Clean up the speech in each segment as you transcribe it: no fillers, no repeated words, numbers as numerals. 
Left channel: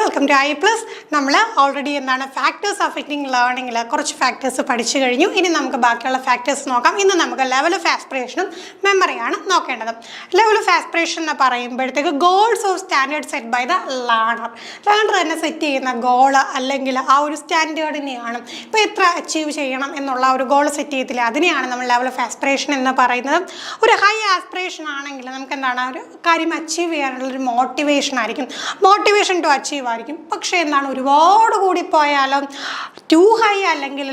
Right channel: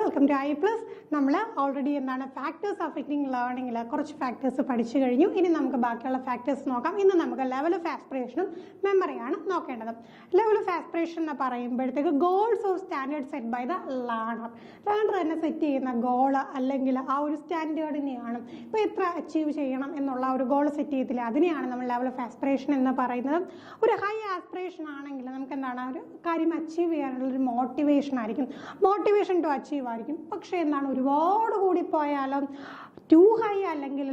Welcome to I plus. നമ്മൾ already എന്താണ് factors affecting ലേണിംഗിൽ കുറച്ച് ഫാക്ടേഴ്സ് പഠിച്ചു കഴിഞ്ഞു. ഇനി നമുക്ക് ബാക്കിയുള്ള ഫാക്ടേഴ്സ് നോക്കാം. ഇന്ന് നമുക്ക് ലെവൽ ഓഫ് ആസ്പിറേഷനും മെമ്മറിയാണ് നോക്കേണ്ടത്. ലെവൽ ഓഫ് ആസ്പിറേഷൻ എന്ന് പറയുമ്പോഴത്തേക്ക് goals of standard set by the learner തന്നെ സെറ്റ് ചെയ്യുന്ന ഗോള് അല്ലെങ്കിൽ ആ ഒരു സ്റ്റാൻഡേർഡിനെയാണ് ഇപ്പോൾ എത്ര അച്ചീവ് ചെയ്യണം എന്നുള്ള ഒരു ഗോൾ സെറ്റ് ചെയ്തില്ല, അതിനെയാണ് നമ്മൾ ലെവൽ ഓഫ് ആസ്പിറേഷൻ എന്ന് പറയുന്നത്. ഒരു ഹൈ ആസ്പിറേഷൻ ആണെങ്കിൽ നമുക്ക് എന്താണ് ഒരു കാര്യം അച്ചീവ് ചെയ്യാനുള്ളൊരു മോട്ടിവേഷൻ ആയിരിക്കും, മോട്ടിവേഷൻ ടു അച്ചീവ് ആയിരിക്കും. പക്ഷേ എന്താണ് ഒരുപാട് കൂടി പോയാലും ടു ഹൈ അല്ലെങ്കിൽ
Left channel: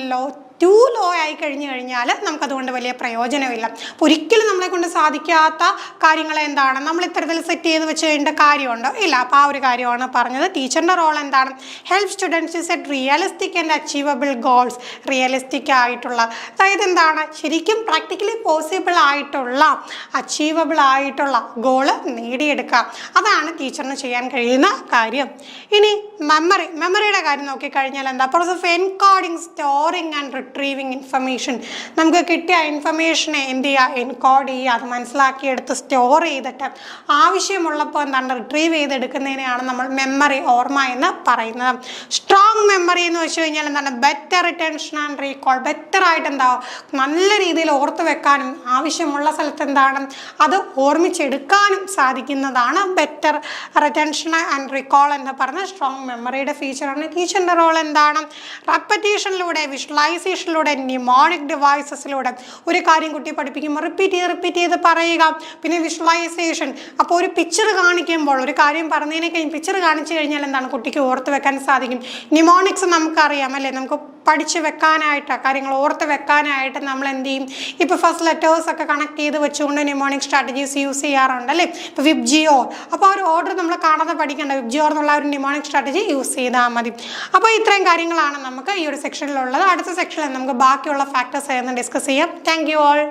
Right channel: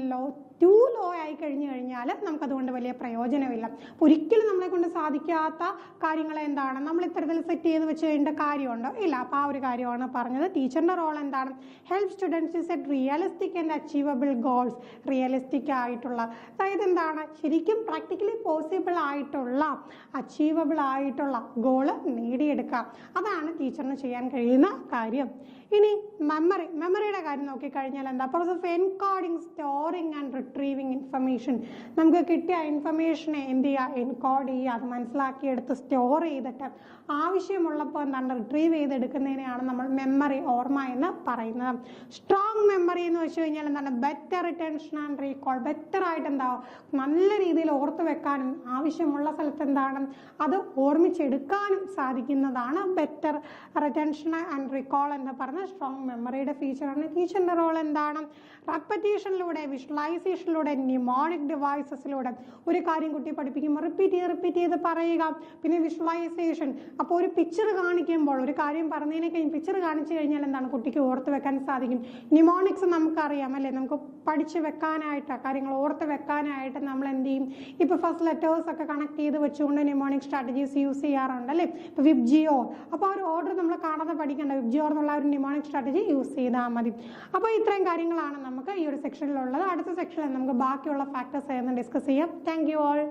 ടു ലോ ആയി കഴിഞ്ഞാൽ നമുക്കതുകൊണ്ട് വലിയ പ്രയോജനമില്ല. ഒരിക്കലും നമ്മളെ കൊണ്ട് സാധിക്കാത്ത കാര്യങ്ങൾ എന്താണ് നമ്മൾ ഇത്തരത്തിൽ സെറ്റ് ചെയ്ത് വെച്ച് കഴിഞ്ഞ കാര്യമുണ്ടോ? ഇല്ല. അപ്പോൾ ആ ഒരു കാര്യമാണ് പറഞ്ഞത്. ടീച്ചറിൻ്റെ റോൾ എന്താണ്? Help students set realistic and achievable goals. Realistic ആയിട്ടുള്ള, അതായത് എന്താണ് ശരിക്കും പ്രാക്ടിക്കലി പോസിബിൾ ആയിട്ടുള്ള അച്ചീവബിൾ ആയിട്ടുള്ള ഗോള് നേടിയെടുക്കുക. അതാണ് ടീച്ചറിന് ചെയ്യാൻ കഴിയുന്ന കാര്യം. ഇനി മെമ്മറിയുടെ കാര്യം നോക്കിക്കഴിഞ്ഞാൽ എന്താ? Process of encoding, storing and retrieving information. നമുക്ക് കിട്ടിയ ഇൻഫർമേഷനെ എന്ത് ചെയ്യുക? എൻകോഡ് ചെയ്യുക, അത് മനസ്സിലാക്കിയെടുത്ത് സ്റ്റോർ ചെയ്തിട്ട് ആവശ്യമുള്ളപ്പോൾ എന്താണ് റിട്രീവ് ചെയ്തെടുക്കുന്നതിനെയാണ് നമ്മൾ മെമ്മറി, ഓർമ്മ എന്ന് പറയുന്നത്. സ്ട്രോങ് മെമ്മറി എന്ന് വെച്ച് കഴിഞ്ഞാൽ എന്താണ്? Better retention and recall. ബെറ്ററായിട്ട് എന്താവും നല്ല രീതിയിൽ ഓർത്ത് വെക്കാനും ആവശ്യമുള്ള സ്ഥലത്ത് എന്താണ് അത് ഓർമ്മിച്ചെടുക്കാനും സാധിക്കുന്നതാണ് ബെറ്റർ റിറ്റൻഷൻ ആൻഡ് റീകോൾ എന്ന് പറഞ്ഞ സ്ട്രോങ് മെമ്മറിയുടെ ഫീച്ചറാണ്. ടീച്ചറിൻ്റെ റോൾ എന്താണ്? റെപ്പറ്റീഷനിലൂടെ, വിഷ്വലൈസേഷനിലൂടെ, ന്യൂമോണിക് ഡിവൈസസിലൂടെ ഒരു കാര്യം കുട്ടി പഠിപ്പിക്കുമ്പോൾ റിപ്പീറ്റ് ചെയ്ത് പറയുക. പിന്നെ വിഷ്വലൈസേഷൻ, അപ്പോൾ ഒരു പിക്ചർ കാണിക്കുമ്പോൾ ഒരു കാര്യം പറഞ്ഞതിനെ കഴിഞ്ഞ് പിക്ചർ കാണിച്ചു കഴിഞ്ഞാൽ എന്താണ് കുട്ടിക്ക് ഓർത്ത് വെക്കാൻ സാധിക്കും. ന്യൂമോണിക്സ് നമുക്കറിയാം അല്ലേ, നമുക്ക് പഠിച്ച് വെക്കാനായിട്ട് കാര്യങ്ങൾ ഓർത്ത് വെക്കാനായിട്ട് നമ്മൾ എന്ത് ചെയ്യും? ഇപ്പോൾ ഫസ്റ്റ് ലെറ്റേഴ്സ് ഒക്കെ കണക്ട് ചെയ്ത് വെച്ചുകൊണ്ട് ന്യൂമോണിക് സ്ട്രാറ്റജീസ് യൂസ് ചെയ്യാറുണ്ട് അല്ലേ. ഇപ്പോൾ വിബ്ജിയോർ, അപ്പോൾ ആ ഒരു ഓർഡർ നമ്മൾ കാണാതെ പഠിക്കേണ്ട, വിബ്ജിയോർ എന്നുള്ള ഒരു ന്യൂമോണിക് സ്ട്രാറ്റജി യൂസ് ചെയ്താൽ മതി. അപ്പോൾ ഇത്രയും കാര്യങ്ങളാണ് നമുക്ക് ഈ ഒരു സെക്ഷനിലുള്ളത്. അടുത്ത സെക്ഷനിൽ നമുക്ക് ബാക്കിയുള്ള ഫാക്ടേഴ്സ് ഡിസ്കസ് ചെയ്യാം. Thank you all.